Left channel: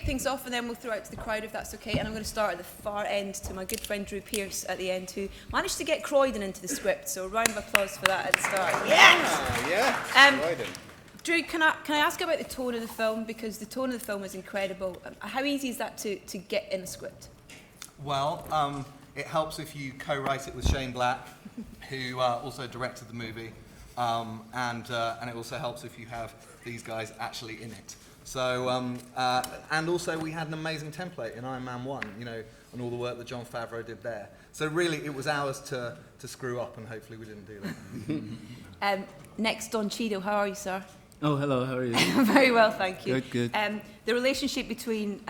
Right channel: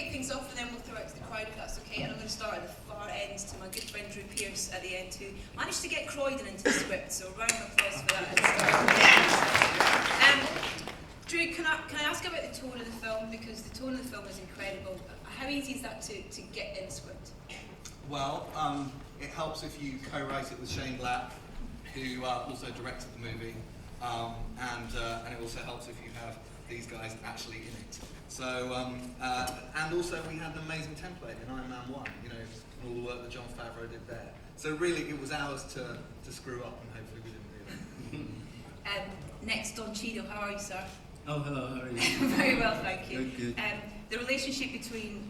kick things off and then we'll throw it to the crowd if that's okay. And I'm going to start at the far end to my good friend Drew Pearce at the end, who managed to get Croydon into the script. So a round of applause for that at the start. Yeah. Drew, can I ask about the tone of the film, because the tone of the film is incredible. How easy is that to get in the script? Well, it helps if you co-write it with Shane Black, who also directed the movie, and it also helps if you have these guys actually in it. So, and also we had an amazing template in Iron Man 1, you know, and all the work that Jon Favreau did there. So really, it was ours to screw up, and hopefully we didn't do that. Next, Don Cheadle, how are you, sir? Oh, hello, how are you? Very well, thank you. Good. The relationship between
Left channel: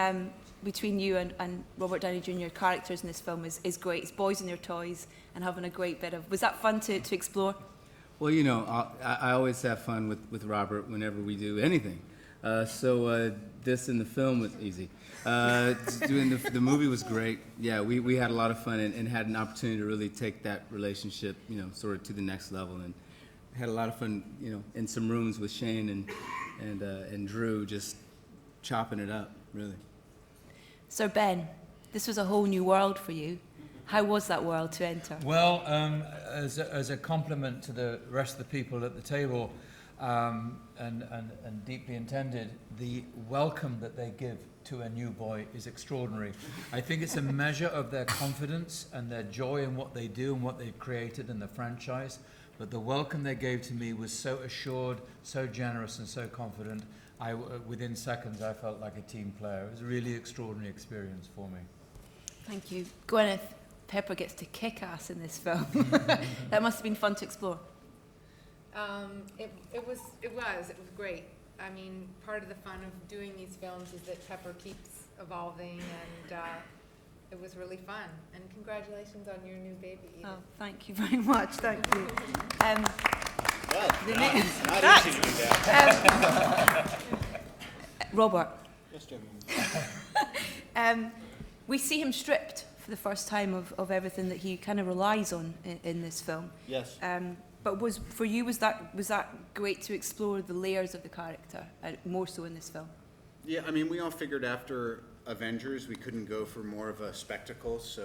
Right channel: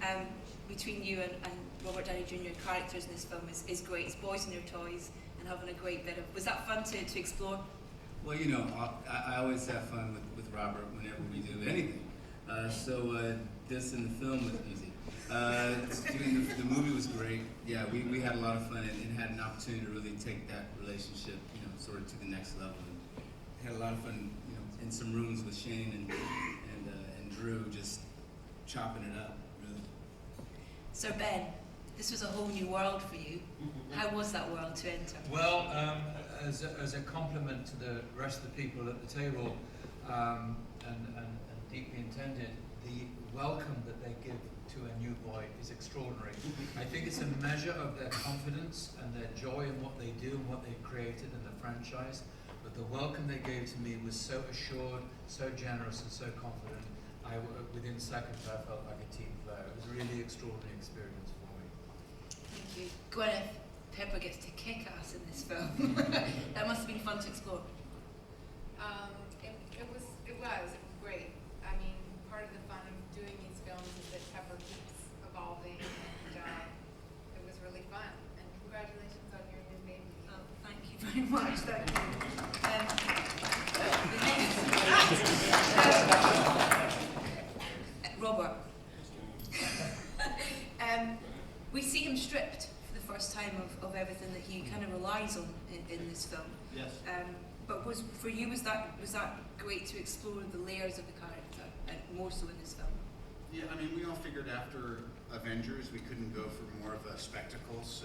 you and Robert Downey Jr. characters in this film is great. It's boys and their toys and having a great bit of... Was that fun to explore? Well, you know, I always have fun with Robert whenever we do anything. So this in the film was easy. Doing the movie was great. Yeah, we had a lot of fun and had an opportunity to really take that relationship, you know, sort of to the next level, and had a lot of fun, you know, in some rooms with Shane and Drew, just chopping it up, really. So Ben, this was a whole new world for you. How was that world to enter? Well, as a compliment to the rest of the people at the table, and deeply intended, the welcome that they give to a new boy is extraordinary. I think it's a measure of their confidence and their joy in what they do and what they've created in the franchise. But the welcome they gave to me was so assured, so generous, and so confident. Within seconds, I felt like a team player. It was a really extraordinary experience for me. Thank you. Gwyneth Pepper gets to kick ass in this film. That must have been fun to explore. It was great. I mean, part of the fun of doing these films is that Pepper keeps evolving, and it was really fun. And congratulations on your new baby. Oh, thank you very much. Thank you. Robert. We see him stripped for the first time of everything that he kind of relies on in this film. Yes. But was that great to explore the layers of the character, and more so in this film? Yeah, I mean, we all figured after Avengers we couldn't go for more of a spectacle, so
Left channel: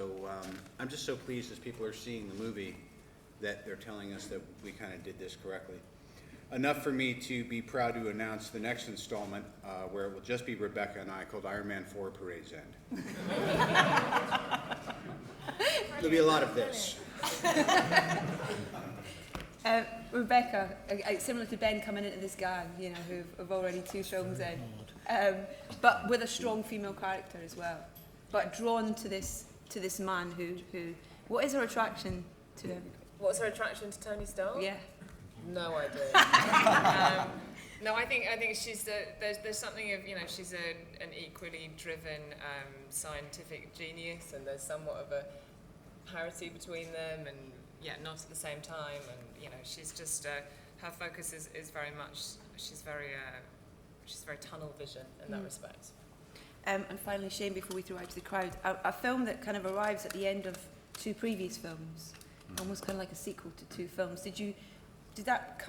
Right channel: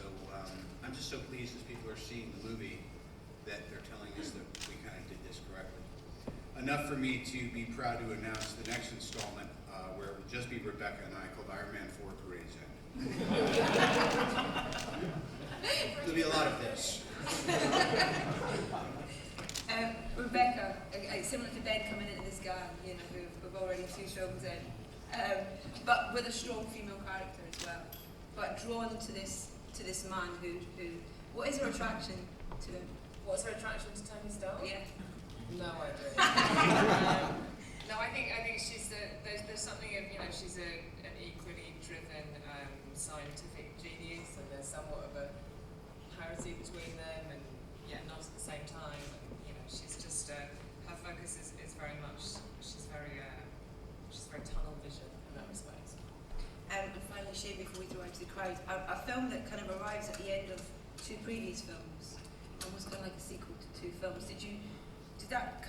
I'm just so pleased as people are seeing the movie that they're telling us that we kind of did this correctly. Enough for me to be proud to announce the next installment, where it will just be Rebecca and I, called Iron Man 4 Parade's End. There'll be a lot of this. Rebecca, similar to Ben coming into this gang, you know, who've already 2 films in, but with a strong female character as well, but drawn to this man who what is her attraction to him? What's her attraction to Tony Stark? Yeah. No idea. No, I think she's there's something of, you know, she's an equally driven scientific genius, and there's somewhat of a parity between them, and yeah, not at the same time, and you know, she's just her focus is very much, she's very tunnel vision in that respect. And finally, Shane, before we throw out to the crowd, a film that kind of arrives at the end of 2 previous films, almost kind of like a sequel to 2 films. Did that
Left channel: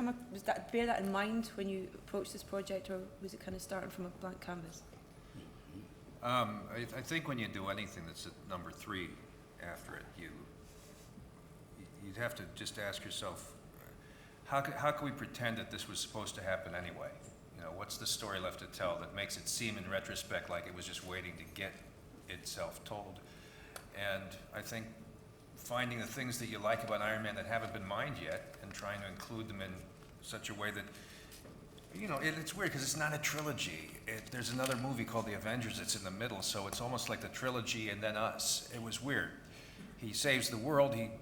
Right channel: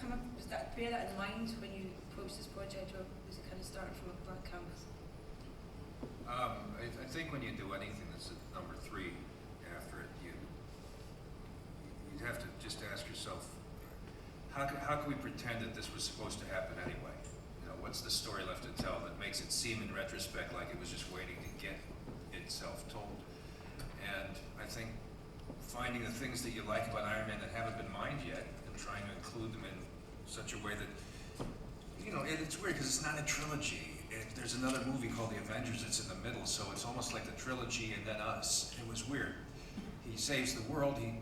bear that in mind when you approached this project, or was it kind of starting from a blank canvas? I think when you do anything that's at number 3 after it, you have to just ask yourself, how can we pretend that this was supposed to happen anyway? You know, what's the story left to tell that makes it seem in retrospect like it was just waiting to get itself told? And I think finding the things that you like about Iron Man that haven't been mined yet, and trying to include them in such a way that, you know, and it's weird because it's not a trilogy. There's another movie called The Avengers that's in the middle, so it's almost like the trilogy and then us. It was weird. He saves the world, he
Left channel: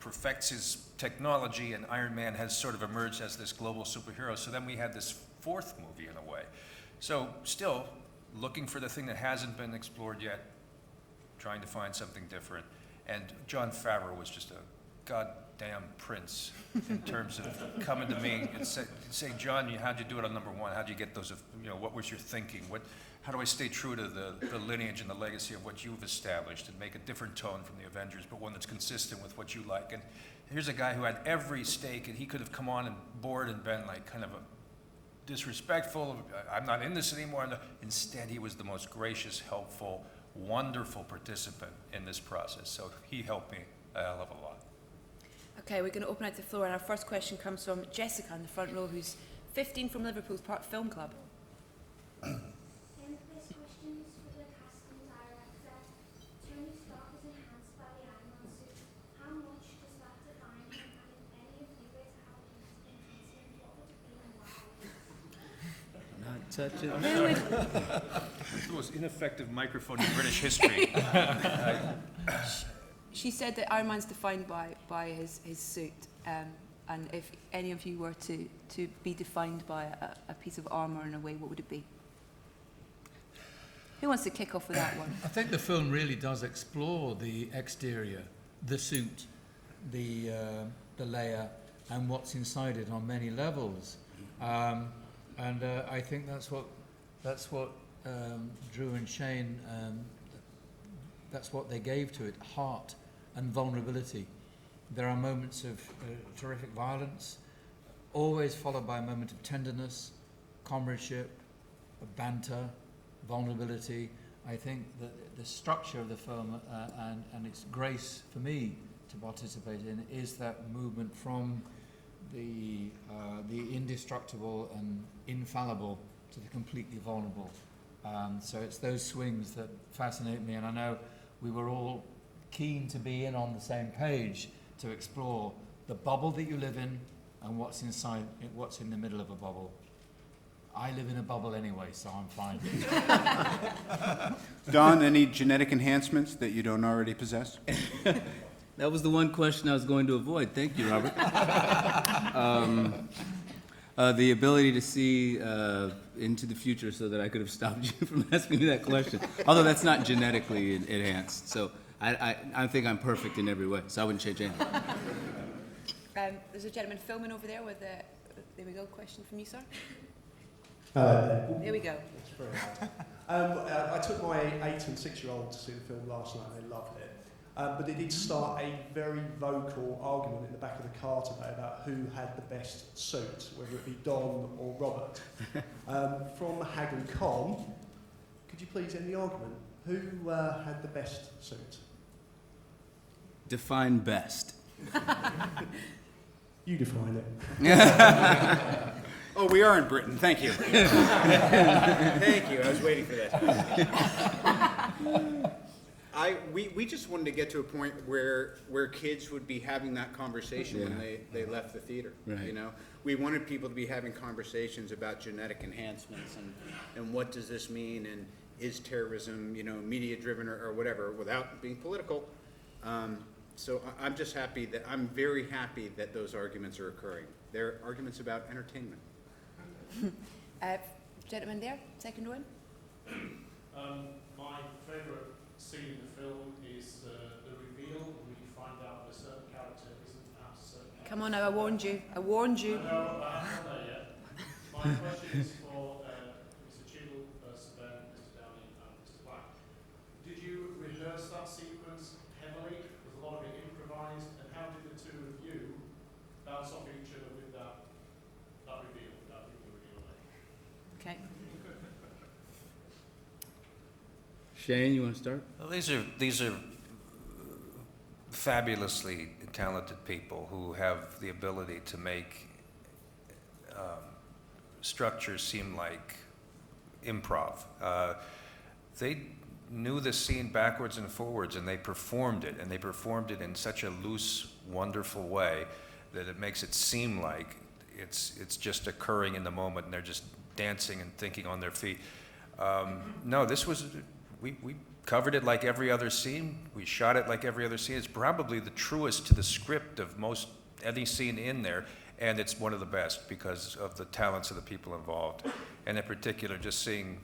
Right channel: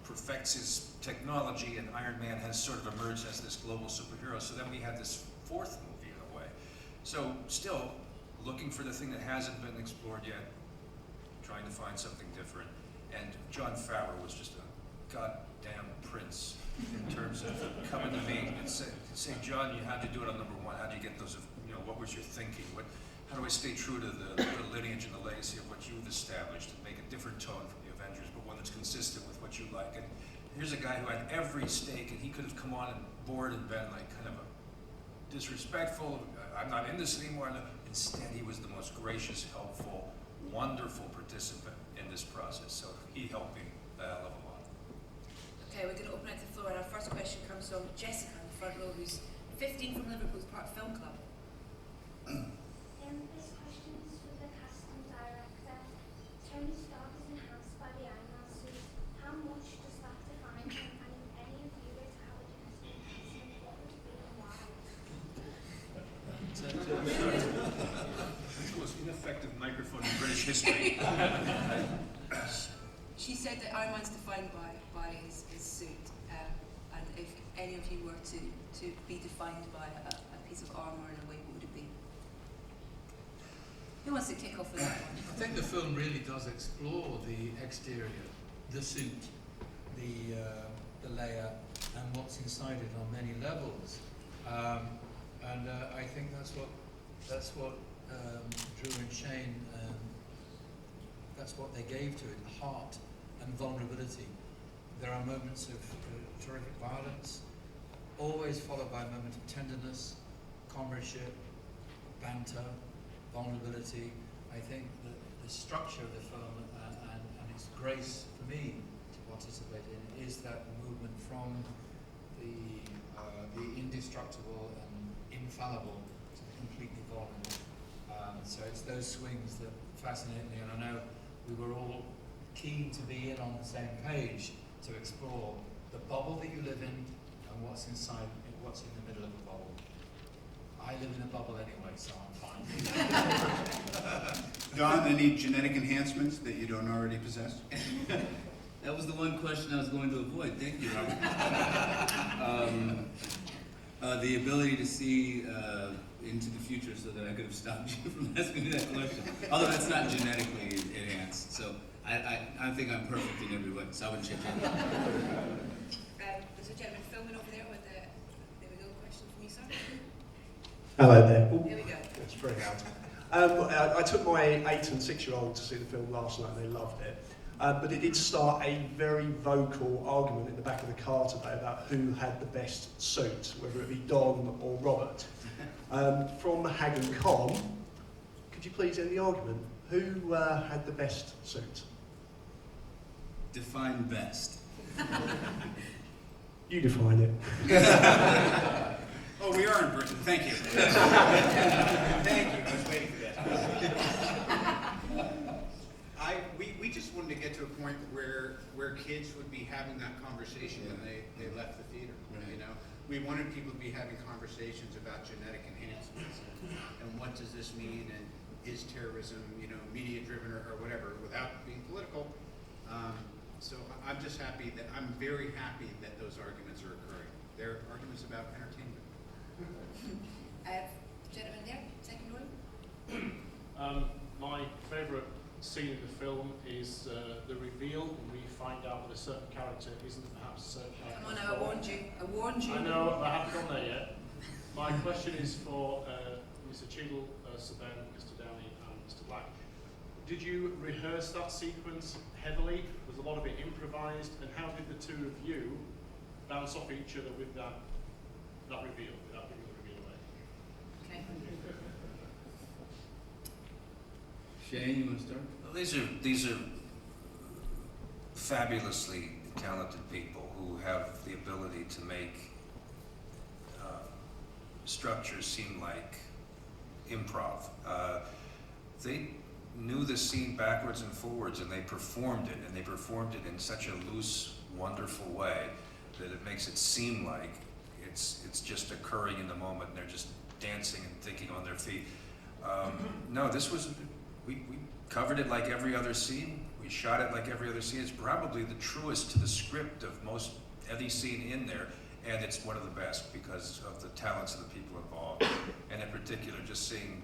perfects his technology, and Iron Man has sort of emerged as this global superhero. So then we had this 4th movie in a way. So still looking for the thing that hasn't been explored yet, trying to find something different. And Jon Favreau was just a goddamn prince in terms of coming to me and say, John, how'd you do it on number 1? How'd you get those, you know, what was your thinking? How do I stay true to the lineage and the legacy of what you've established and make a different tone from the Avengers, but one that's consistent with what you like? And here's a guy who had every stake, and he could have come on and bored and been like kind of a disrespectful, I'm not in this anymore. Instead, he was the most gracious, helpful, wonderful participant in this process. So he helped me a hell of a lot. Okay, we're going to open out the floor, and our first question comes from Jessica in the front row, who's 15 from Liverpool's Park Film Club. This question is for the casting director. Tony Stark is enhanced by the Iron Man suit. How much does that define him? And if any of you is how it has been enhancing, what would it be and why? The most ineffective microphone in British history. She said that Iron Man's defined by his suit, and if any of you were to be defined by a piece of armour in a way, what would it be? Who wants to kick off with that one? I think the film really does explore the exterior, the suit, the layer, and what's inside it on many levels. I think that's what Drew and Shane, that's what they gave to it: heart and vulnerability. There are moments of terrific violence, always followed by a moment of tenderness, comradeship, banter, vulnerability. I think that the structure of the film and its grace for me to participate in is that movement from the indestructible and infallible to the completely vulnerable. So it's those swings that fascinate me, and I know we were all keen to be in on the same page to explore the bubble that you live in and what's inside, what's in the middle of a bubble. I live in a bubble anyway, so I'm fine. Don, any genetic enhancements that you don't already possess? That was the one question I was going to avoid. Thank you, Robert. The ability to see into the future so that I could have stopped you from asking me that question. Although that's not genetically enhanced. So I think I'm perfect in every way, so I wouldn't change anything. There's a gentleman filming over there with a, there we go, question from you, sir. Hello there. Here we go. That's very hard. I took my 8 and 6-year-olds to see the film last night, and they loved it. But it did start a very vocal argument in the back of the car today about who had the best suit, whether it be Don or Robert. From Hagen Con, could you please end the argument? Who had the best suit? Define best. You define it. Oh, we are in Britain. Thank you. Thank you. I was waiting for that. We just wanted to get to a point where kids would be having that conversation when they left the theater. Right. You know, we wanted people to be having conversations about genetic enhancements and what does this mean, and is terrorism, you know, media driven or whatever, without being political. So I'm just happy that I'm very happy that those arguments are occurring. They're arguments about entertainment. Gentleman there, second one. My favourite scene in the film is the reveal when we find out that a certain character isn't perhaps a certain character. Come on now, I warned you. I warned you. I know, I haven't got there yet. My question is for Mr. Cheadle, Sir Ben, Mr. Downey and Mr. Black. Did you rehearse that sequence heavily? Was a lot of it improvised? And how did the two of you bounce off each other with that reveal, without giving the reveal away? Okay. Shane, you want to start? Well, these are fabulously talented people who have the ability to make structures seem like improv. They knew the scene backwards and forwards, and they performed it, in such a loose, wonderful way that it makes it seem like it's just occurring in the moment, and they're just dancing and thinking on their feet. No, this was, we covered it like every other scene. We shot it like every other scene. It's probably the truest to the script of most any scene in there, and it's one of the best because of the talents of the people involved. And in particular, just seeing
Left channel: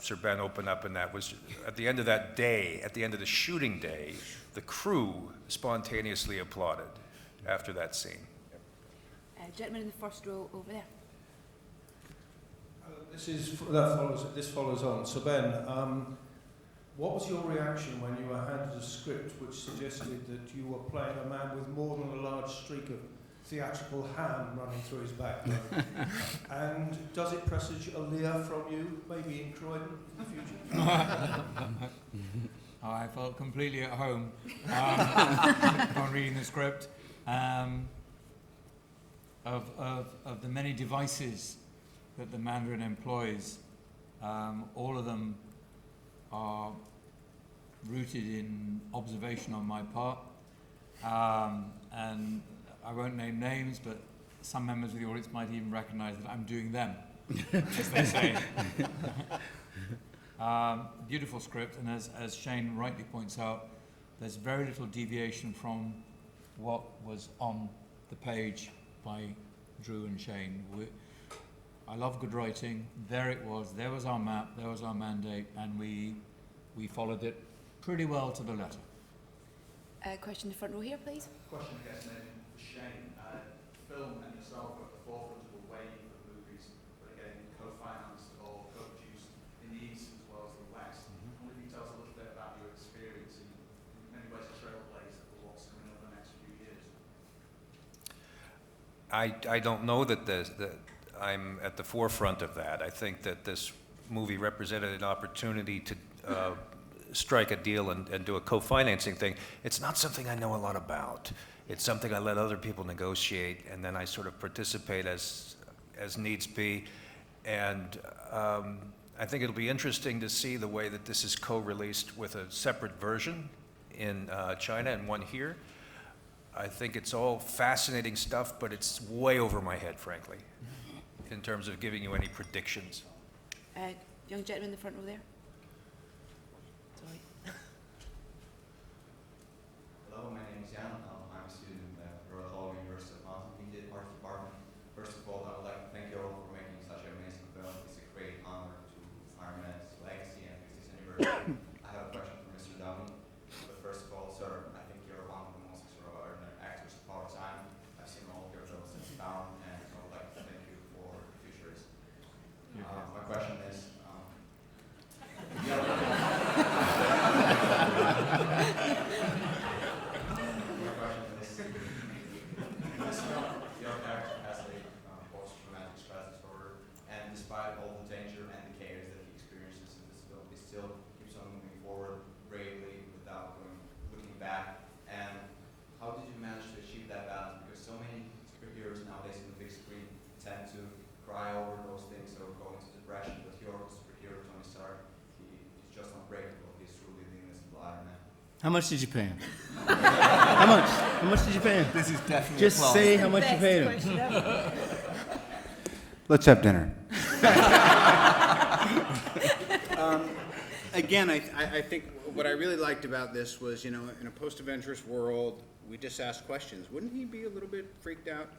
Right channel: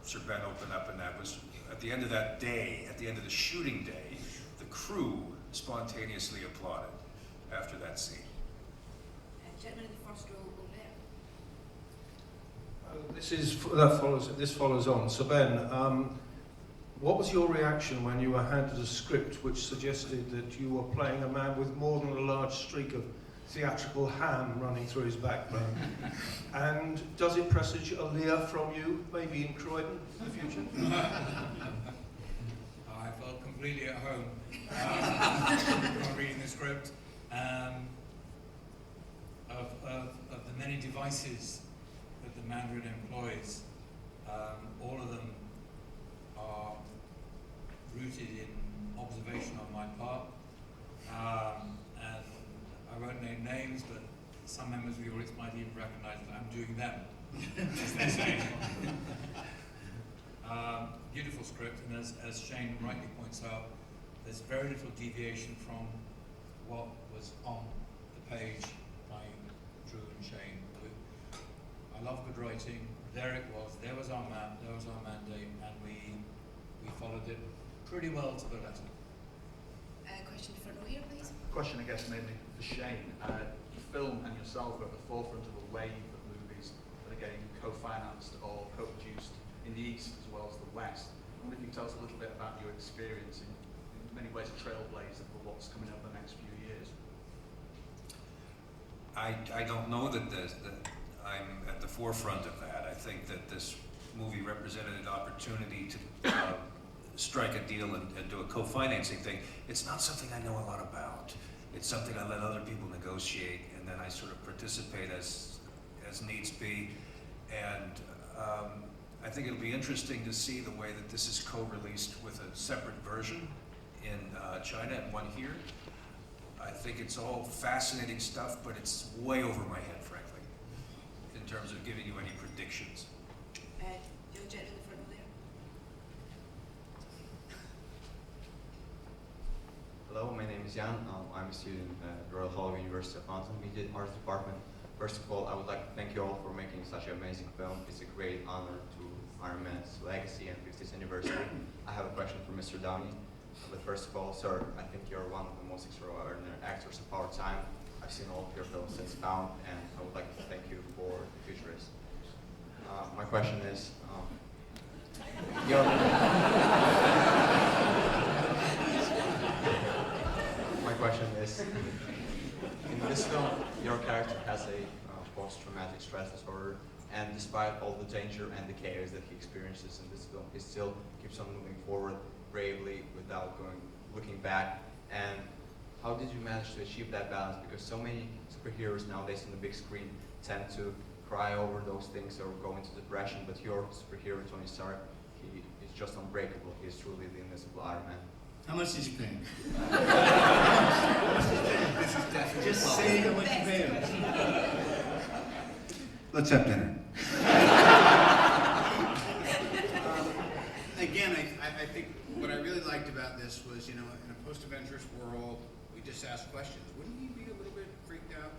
Sir Ben open up, and that was at the end of that day, at the end of the shooting day, the crew spontaneously applauded after that scene. Gentleman in the first row over there. This follows on. So Ben, what was your reaction when you were handed a script which suggested that you were playing a man with more than a large streak of theatrical ham running through his backbone. And does it presage a leer from you, maybe in Croydon in the future? I felt completely at home while reading the script. Of the many devices that the Mandarin employs, all of them are rooted in observation on my part. And I won't name names, but some members of the audience might even recognize that I'm doing them. Beautiful script, and as Shane rightly points out, there's very little deviation from what was on the page by Drew and Shane. I love good writing. There it was. There was our map. There was our mandate, and we followed it pretty well to the letter. Question in the front row here, please. Question, I guess, maybe for Shane. The film and yourself are at the forefront of a wave of movies that are getting co-financed or co-produced in the East as well as the West. I wonder if you can tell us a little bit about your experience in many ways a trailblazer for what's coming up the next few years. I don't know that I'm at the forefront of that. I think that this movie represented an opportunity to strike a deal and do a co-financing thing. It's not something I know a lot about. It's something I let other people negotiate, and then I sort of participate as needs be. And I think it'll be interesting to see the way that this is co-released with a separate version in China and one here. I think it's all fascinating stuff, but it's way over my head, frankly, in terms of giving you any predictions. Young gentleman in the front row there. Hello, my name is Jan. I'm a student at Royal Holloway University of London, Media Arts Department. First of all, I would like to thank you all for making such an amazing film. It's a great honor to Iron Man's legacy and 50th anniversary. I have a question for Mr. Downey. But first of all, sir, I think you're one of the most extraordinary actors of our time. I've seen all of your films since now, and I would like to thank you for the futurist. My question is, in this film, your character has a post-traumatic stress disorder, and despite all the danger and the chaos that he experiences in this film, he still keeps on moving forward bravely without looking back. And how did you manage to achieve that balance? Because so many superheroes nowadays on the big screen tend to cry over those things or go into depression, but your superhero, Tony Stark, he is just unbreakable. He is truly the invincible Iron Man. How much did you pay him? How much did you pay him? This is definitely Just saying how much you paid him. Let's have dinner. Again, I think what I really liked about this was, in a post-Avengers world, we just asked questions. Wouldn't he be a little bit freaked out?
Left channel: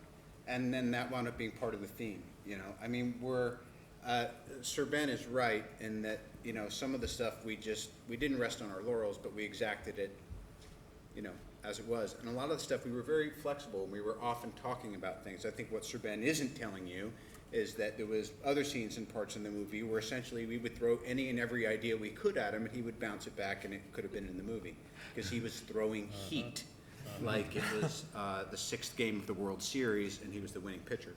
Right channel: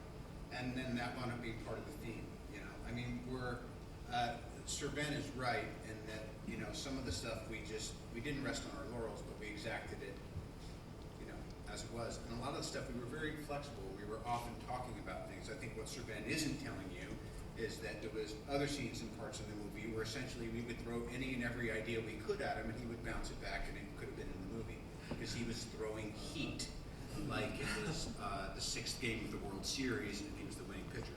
And then that wound up being part of the theme, I mean, Sir Ben is right in that, some of the stuff we didn't rest on our laurels, but we exacted it, as it was. And a lot of the stuff we were very flexible. We were often talking about things. I think what Sir Ben isn't telling you is that there was other scenes and parts in the movie where essentially we would throw any and every idea we could at him, and he would bounce it back, and it could have been in the movie because he was throwing heat like it was the 6th game of the World Series, and he was the winning pitcher.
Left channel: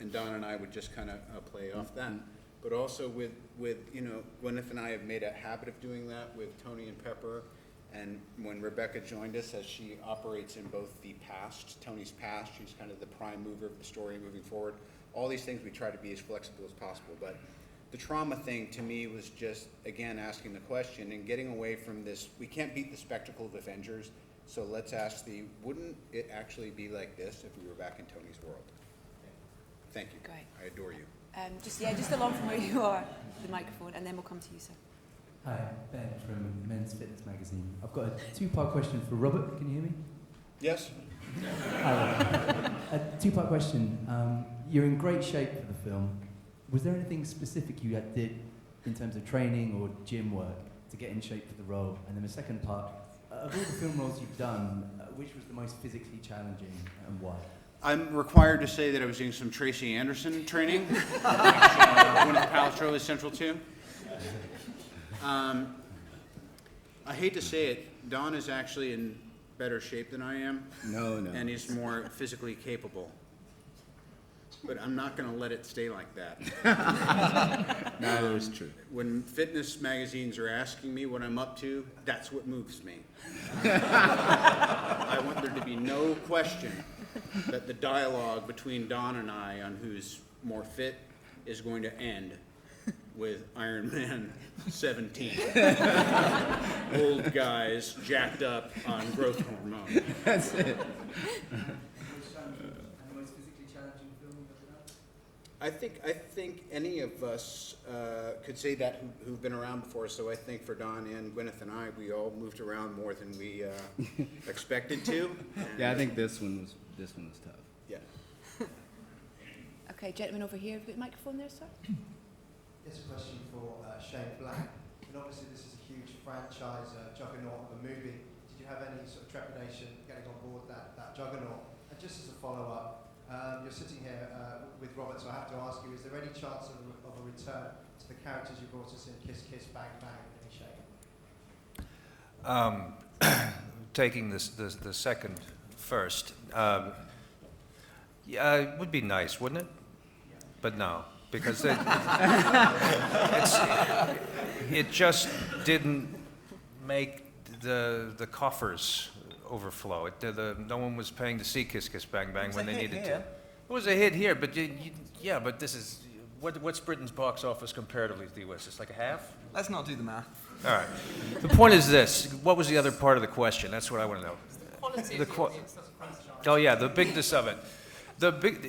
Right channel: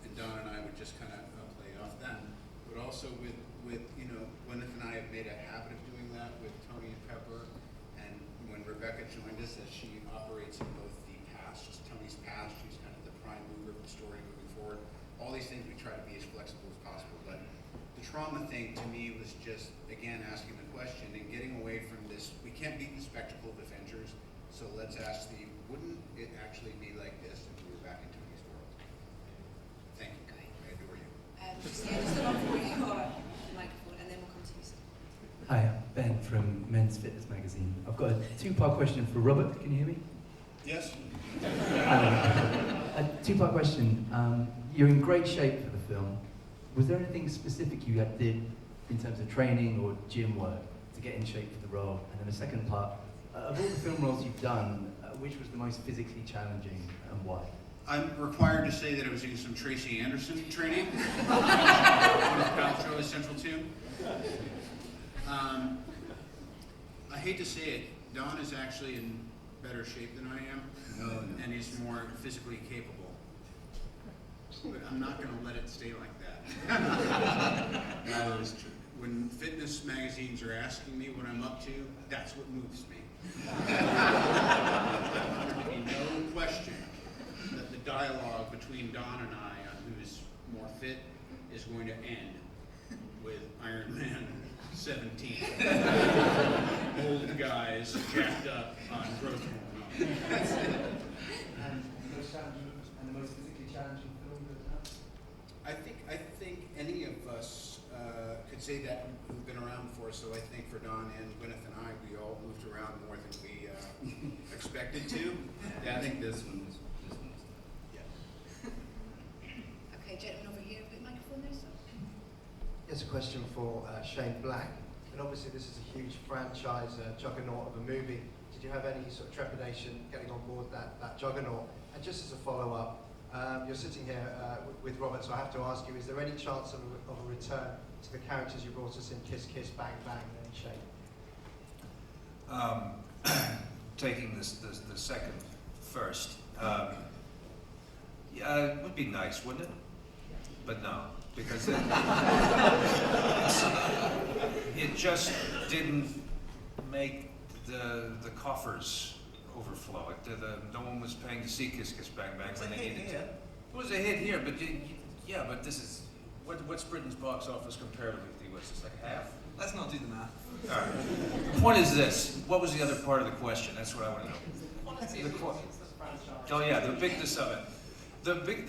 And Don and I would just kind of play off them. But also with Gwyneth and I have made a habit of doing that with Tony and Pepper. And when Rebecca joined us, as she operates in both the past, Tony's past, she's kind of the prime mover of the story moving forward. All these things we try to be as flexible as possible. But the trauma thing to me was just, again, asking the question and getting away from this. We can't beat the spectacle of Avengers, so let's ask wouldn't it actually be like this if we were back in Tony's world? Thank you. Great. I adore you. Just along from where you are, the microphone, and then we'll come to you, sir. Hi, Ben from Men's Fitness Magazine. I've got a two-part question for Robert. Can you hear me? Yes. A two-part question. You're in great shape for the film. Was there anything specific you did in terms of training or gym work to get in shape for the role? And the second part, of all the film roles you've done, which was the most physically challenging and why? I'm required to say that I was doing some Tracy Anderson training. Paltrow is central too. I hate to say it, Don is actually, and better shape than I am. No. And he's more physically capable. But I'm not going to let it stay like that. That is true. When fitness magazines are asking me what I'm up to, that's what moves me. I want there to be no question that the dialogue between Don and I on who's more fit is going to end with Iron Man 17. Old guys jacked up on growth hormone. That's it. And the most physically challenging film you've ever done? I think any of us could say that who've been around before. So I think for Don and Gwyneth and I, we all moved around more than we expected to. Yeah, I think this one was tough. Yeah. Okay, gentleman over here, have you got a microphone there, sir? Here's a question for Shane Black. And obviously this is a huge franchise, juggernaut of a movie. Did you have any sort of trepidation getting on board that juggernaut? And just as a follow-up, you're sitting here with Robert, so I have to ask you, is there any chance of a return to the characters you brought us in Kiss Kiss Bang Bang in any shape? Taking the second first, yeah, it would be nice, wouldn't it? But no, because it just didn't make the coffers overflow. No one was paying to see Kiss Kiss Bang Bang when they needed to. It was a hit here, but yeah, but this is what's Britain's box office comparatively to the US? It's like a half. Let's not do the math. All right. The point is this: what was the other part of the question? That's what I want to know. Oh yeah, the bigness of it.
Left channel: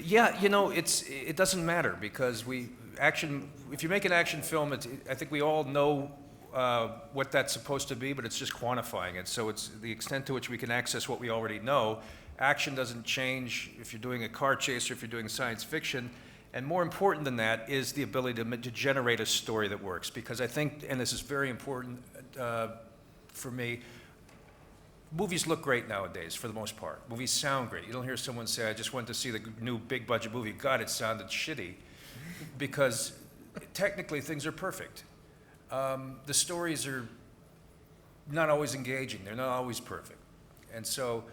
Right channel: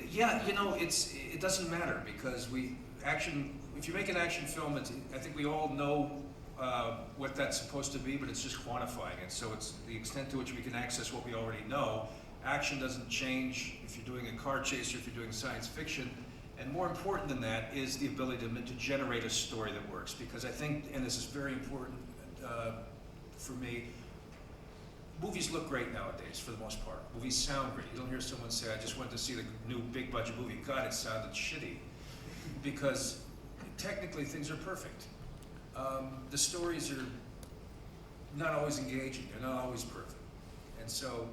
Yeah, you know, it doesn't matter because if you make an action film, I think we all know what that's supposed to be, but it's just quantifying it. So it's the extent to which we can access what we already know. Action doesn't change if you're doing a car chase or if you're doing science fiction. And more important than that is the ability to generate a story that works. Because I think, and this is very important for me, movies look great nowadays for the most part. Movies sound great. You don't hear someone say, I just went to see the new big budget movie. God, it sounded shitty. Because technically things are perfect. The stories are not always engaging. They're not always perfect. And so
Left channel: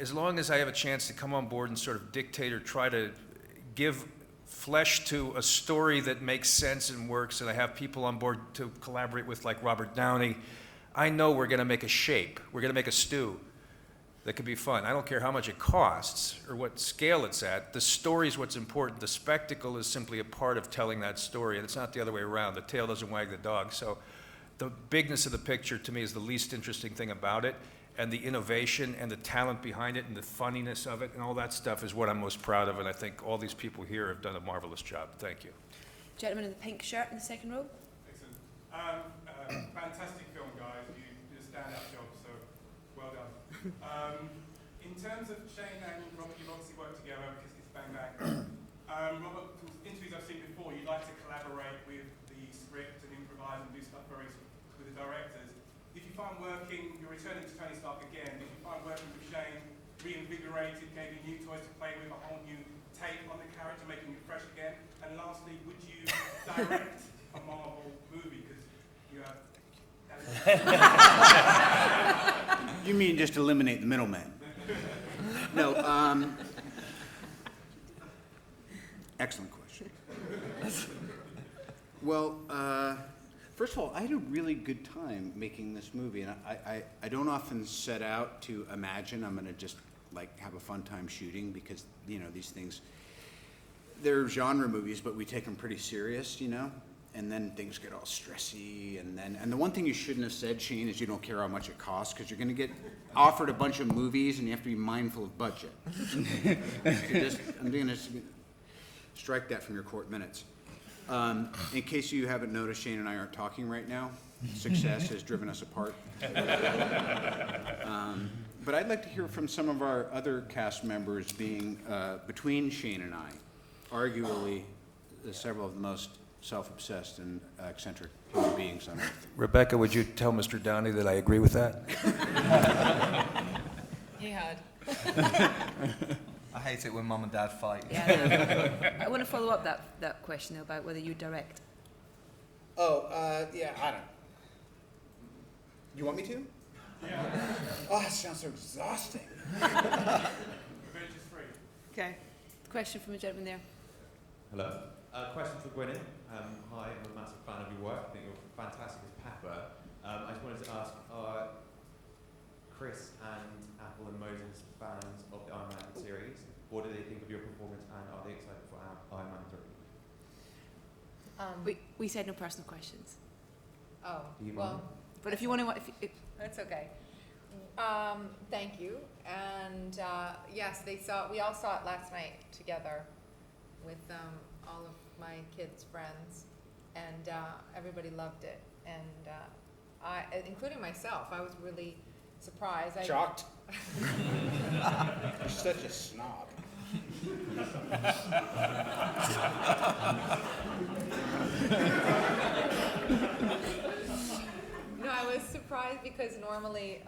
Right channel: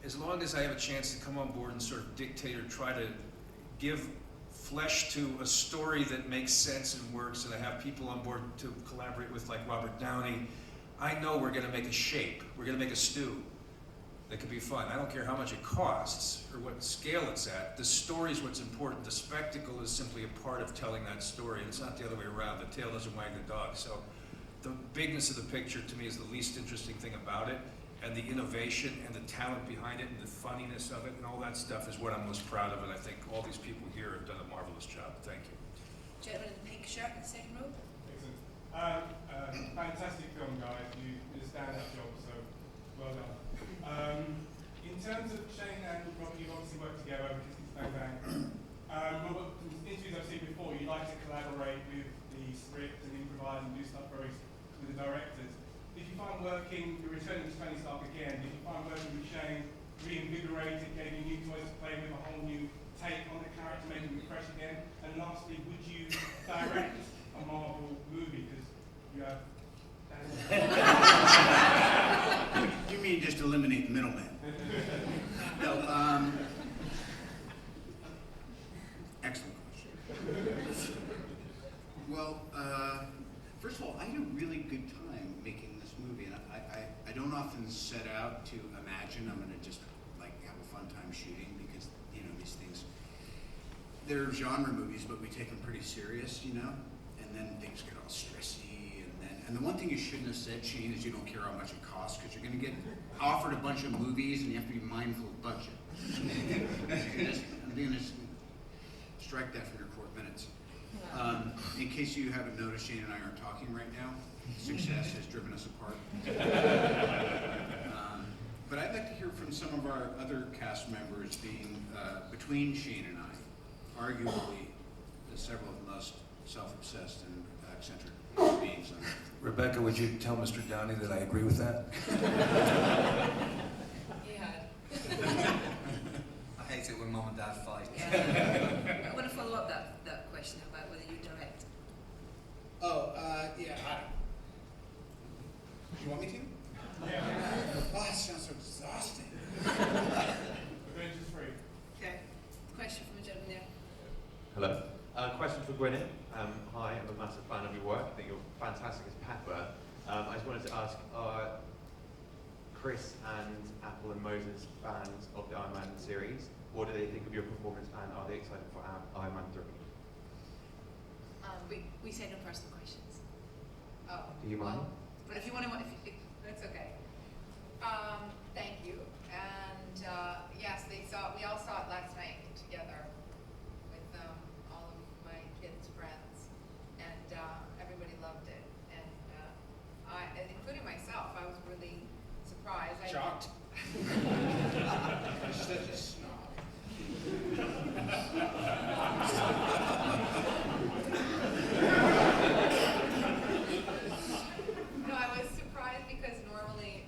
as long as I have a chance to come on board and sort of dictate or try to give flesh to a story that makes sense and works, and I have people on board to collaborate with like Robert Downey, I know we're going to make a shape. We're going to make a stew that could be fun. I don't care how much it costs or what scale it's at. The story is what's important. The spectacle is simply a part of telling that story, and it's not the other way around. The tail doesn't wag the dog. So the bigness of the picture to me is the least interesting thing about it, and the innovation and the talent behind it and the funniness of it and all that stuff is what I'm most proud of, and I think all these people here have done a marvelous job. Thank you. Gentleman in the pink shirt in the second row. Excellent. Fantastic film, guys. You did a stand-up job, so well done. In terms of Shane and Robert, you've obviously worked together, Kiss Kiss Bang Bang. Robert, from interviews I've seen before, you like to collaborate with the script and improvise and do stuff with the directors. If you find working, you're returning to Tony Stark again, if you find working with Shane reinvigorated, gave you new toys to play with, a whole new take on the character, making it fresh again? And lastly, would you direct a Marvel movie? Because you have... You mean just eliminate the middleman? No, excellent question. Well, first of all, I had a really good time making this movie, and I don't often set out to imagine I'm going to just like have a fun time shooting, because you know these things, they're genre movies, but we take them pretty serious, you know, and then things get all stressy, and the one thing you shouldn't have said, Shane, is you don't care how much it costs, because you're going to get offered a bunch of movies and you have to be mindful of budget. I'm going to strike that from your court minutes. In case you haven't noticed, Shane and I aren't talking right now. Success has driven us apart. But I'd like to hear from some of our other cast members, being between Shane and I, arguably several of the most self-obsessed and eccentric human beings on earth. Rebecca, would you tell Mr. Downey that I agree with that? He had. I hate it when mum and dad fight. Yeah. I want to follow up that question about whether you direct. Oh, yeah, I don't. Do you want me to? Yeah. Oh, that sounds so exhausting. Avengers 3. Okay. Question from the gentleman there. Hello. Question for Gwyneth. Hi, I'm a massive fan of your work. I think you're fantastic as Pepper. I just wanted to ask, are Chris and Apple and Moses fans of the Iron Man series? What do they think of your performance, and are they excited for Iron Man 3? We said no personal questions. Oh, Do you well, But if you want to, that's okay. Thank you. And yes, we all saw it last night together with all of my kids' friends, and everybody loved it. And including myself, I was really surprised. Shocked. You're such a snob. No, I was surprised because normally,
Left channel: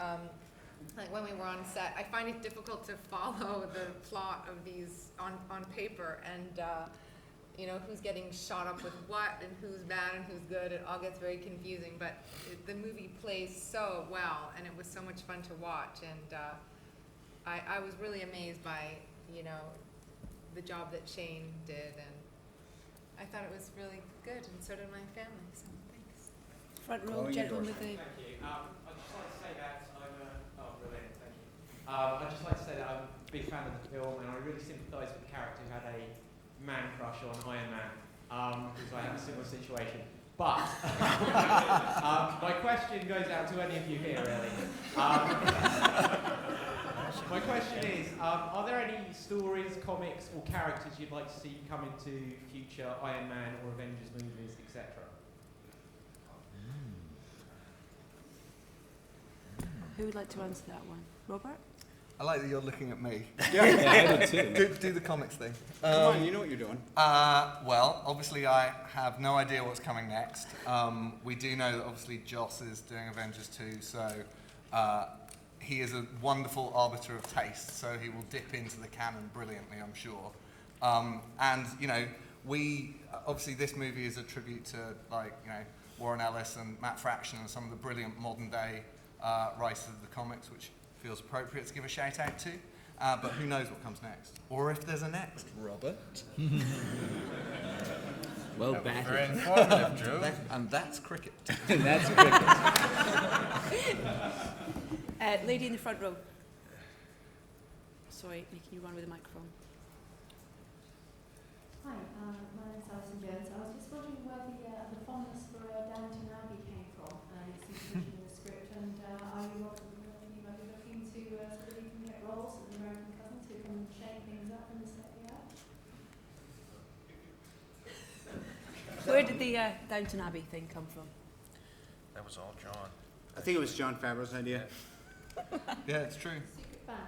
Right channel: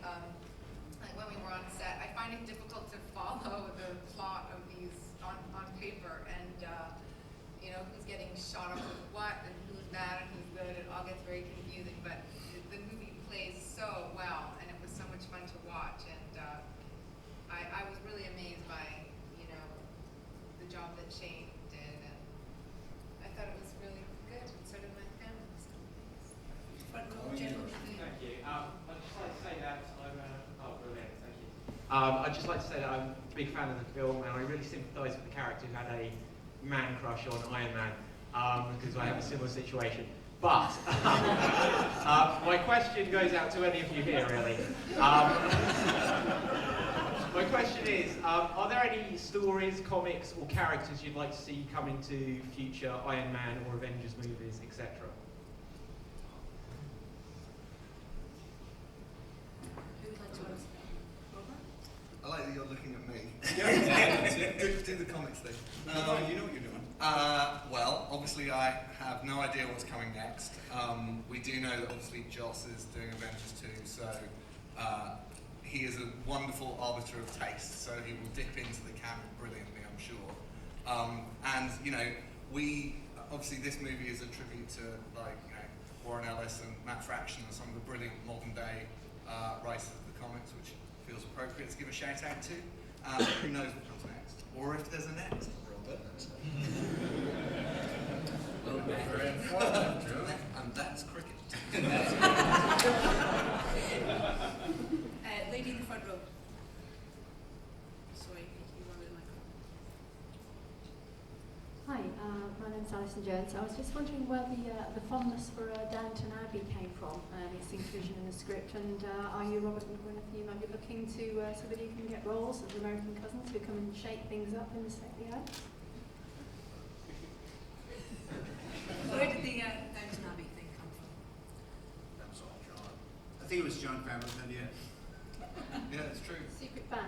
like when we were on set, I find it difficult to follow the plot of these on paper, and you know, who's getting shot up with what, and who's bad and who's good. It all gets very confusing, but the movie plays so well, and it was so much fun to watch, and I was really amazed by, you know, the job that Shane did, and I thought it was really good, and so did my family. So thanks. Front row, gentleman with the. Thank you. I'd just like to say that brilliant, thank you. I'd just like to say that I'm a big fan of the film, and I really sympathise with the character who had a man crush on Iron Man, because I have a similar situation. But my question goes out to any of you here, really. My question is, are there any stories, comics, or characters you'd like to see come into future Iron Man or Avengers movies, etc.? Who would like to answer that one? Robert? I like that you're looking at me. Yeah. do the comics thing. Come on, you know what you're doing. Well, obviously I have no idea what's coming next. We do know that obviously Joss is doing Avengers 2, so he is a wonderful arbiter of taste, so he will dip into the canon brilliantly, I'm sure. And, you know, obviously this movie is a tribute to, like, you know, Warren Ellis and Matt Fraction and some of the brilliant modern day writers of the comics, which feels appropriate to give a shout out to. But who knows what comes next? Or if there's a next. Robert. Well, back. Very informative, Drew. And that's cricket. That's cricket. Lady in the front row. Sorry, you run with the microphone. Hi, my name's Alison Jones. I was just wondering where the fondness for Downton Abbey came from, its inclusion in the script, and are you, Robert and Gwyneth, you might be looking to so that you can get roles of American cousins who come and shake things up in the second act? Where did the Downton Abbey thing come from? That was all John. I think it was John Favreau's idea. Yeah, it's true. Secret fan.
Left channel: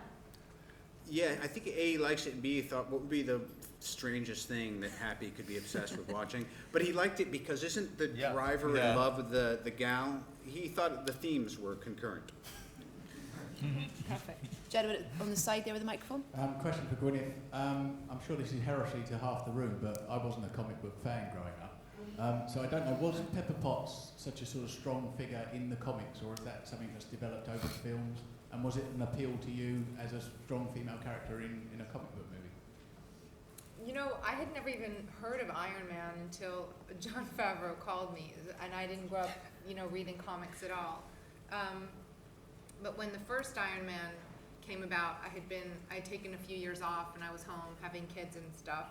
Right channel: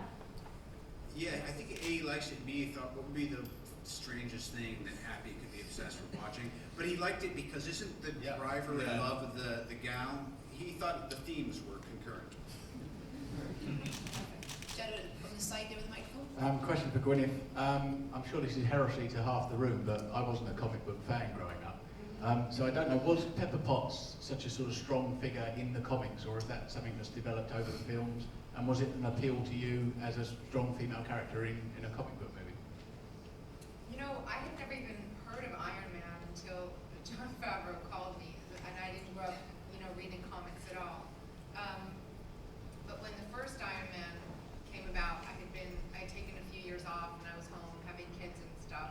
Yeah, I think A, he likes it, and B, he thought, what would be the strangest thing that Happy could be obsessed with watching? But he liked it because isn't the driver Yeah. above with the gown? He thought the themes were concurrent. Perfect. Gentleman on the side there with the microphone. Question for Gwyneth. I'm sure this is heresy to half the room, but I wasn't a comic book fan growing up. So I don't know, was Pepper Potts such a sort of strong figure in the comics, or is that something that's developed over the films? And was it an appeal to you as a strong female character in a comic book movie? You know, I had never even heard of Iron Man until Jon Favreau called me, and I didn't grow up, you know, reading comics at all. But when the first Iron Man came about, I'd taken a few years off, and I was home having kids and stuff.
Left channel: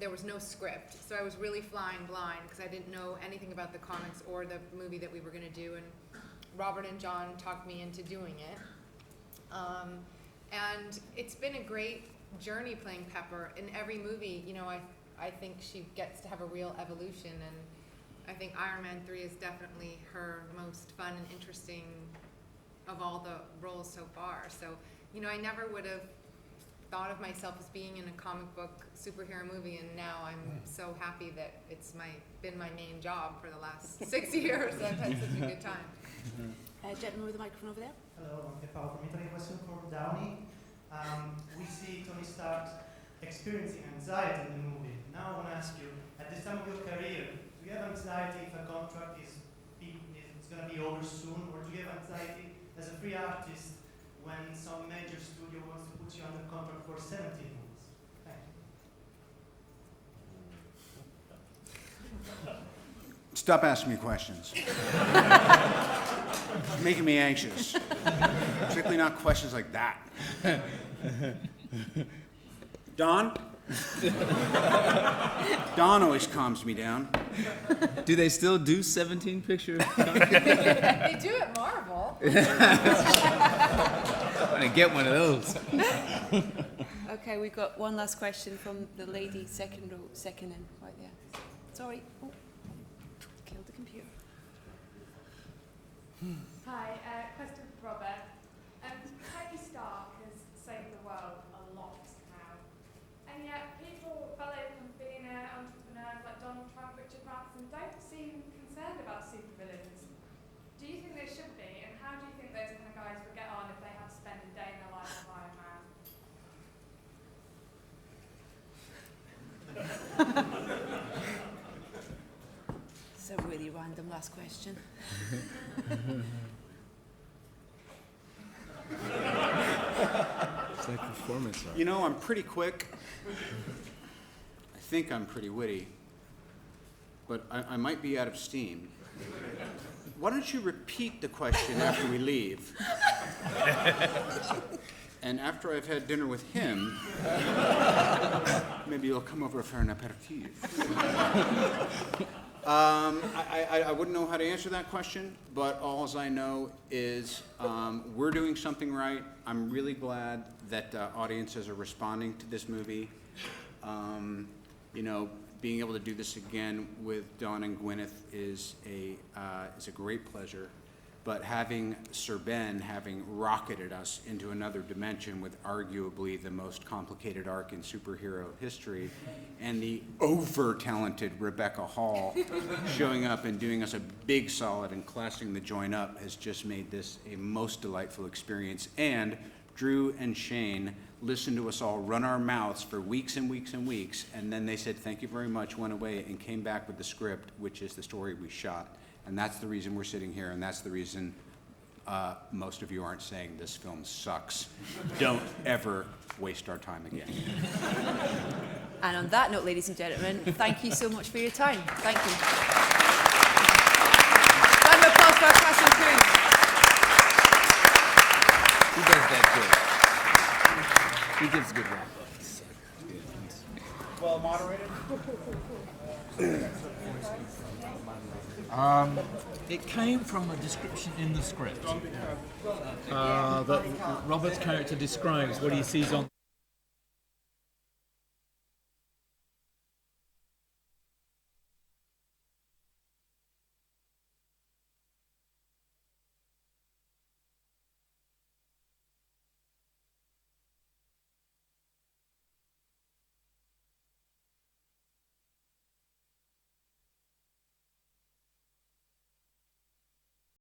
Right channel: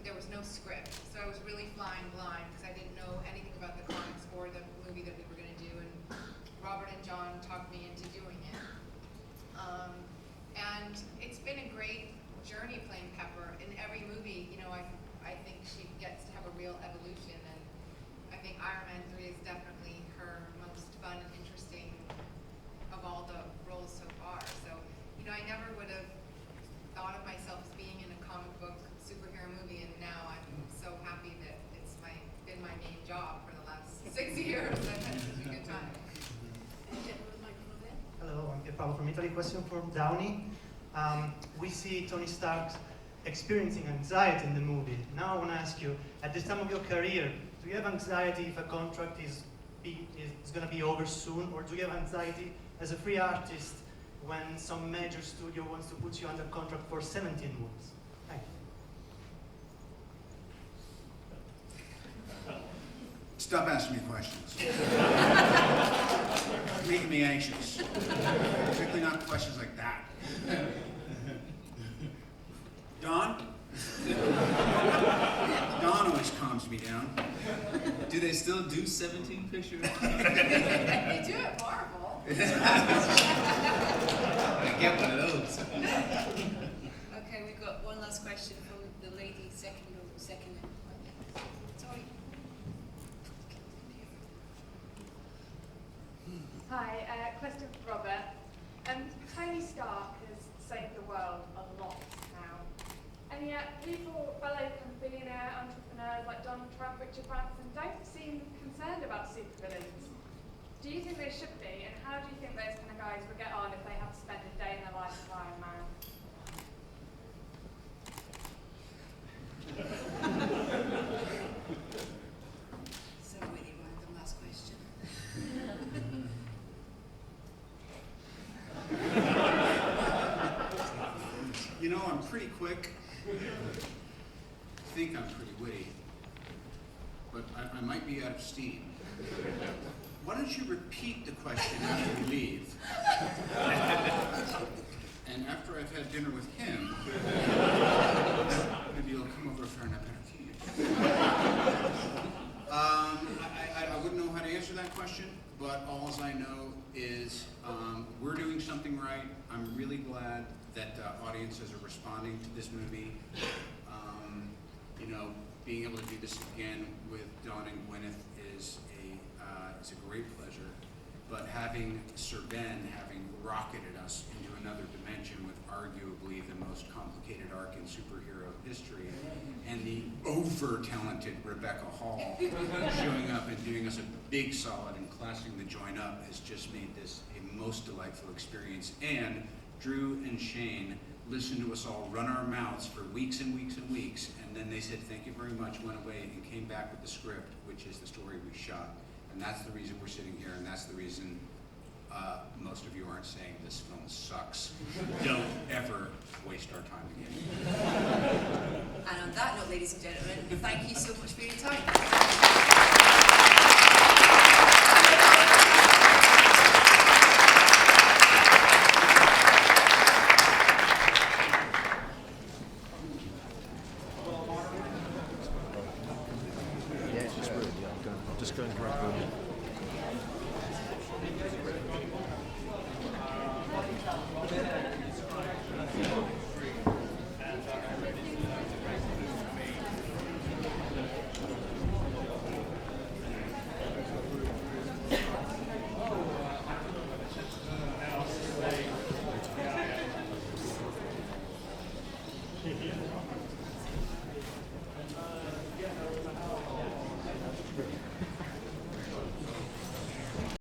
There was no script, so I was really flying blind because I didn't know anything about the comics or the movie that we were going to do, and Robert and John talked me into doing it. And it's been a great journey playing Pepper. In every movie, you know, I think she gets to have a real evolution, and I think Iron Man 3 is definitely her most fun and interesting of all the roles so far. So, you know, I never would have thought of myself as being in a comic book superhero movie, and now I'm so happy that it's been my main job for the last 6 years. I've had such a good time. Gentleman with the microphone over there. Hello, I'm Paolo from Italy. Question for Downey. We see Tony Stark experiencing anxiety in the movie. Now I want to ask you, at this time of your career, do you have anxiety if a contract is going to be over soon, or do you have anxiety as a free artist when some major studio wants to put you under contract for 17 movies? Thank you. Stop asking me questions. Making me anxious. Particularly not questions like that. Don? Don always calms me down. Do they still do 17 pictures? They do at Marvel. I'm gonna get one of those. Okay, we've got one last question from the lady second row, second in, right there. Sorry. Oh. Killed the computer. Hi, question for Robert. Tony Stark has saved the world a lot now, and yet people, fellow billionaire entrepreneurs like Donald Trump, Richard Branson, don't seem concerned about supervillains. Do you think they should be, and how do you think those kind of guys will get on if they have to spend a day in their life of Iron Man? It's a really random last question. You know, I'm pretty quick. I think I'm pretty witty. But I might be out of steam. Why don't you repeat the question after we leave? And after I've had dinner with him, maybe you'll come over for an aperitif. I wouldn't know how to answer that question, but all I know is we're doing something right. I'm really glad that audiences are responding to this movie. You know, being able to do this again with Dawn and Gwyneth is a great pleasure. But having Sir Ben having rocketed us into another dimension with arguably the most complicated arc in superhero history, and the over-talented Rebecca Hall showing up and doing us a big solid and classing the joint up has just made this a most delightful experience. And Drew and Shane listened to us all run our mouths for weeks and weeks and weeks, and then they said thank you very much, went away, and came back with the script, which is the story we shot. And that's the reason we're sitting here, and that's the reason most of you aren't saying this film sucks. Don't ever waste our time again. And on that note, ladies and gentlemen, thank you so much for your time. Thank you. Well, moderator. It came from the description in the script that Robert's character describes what he sees on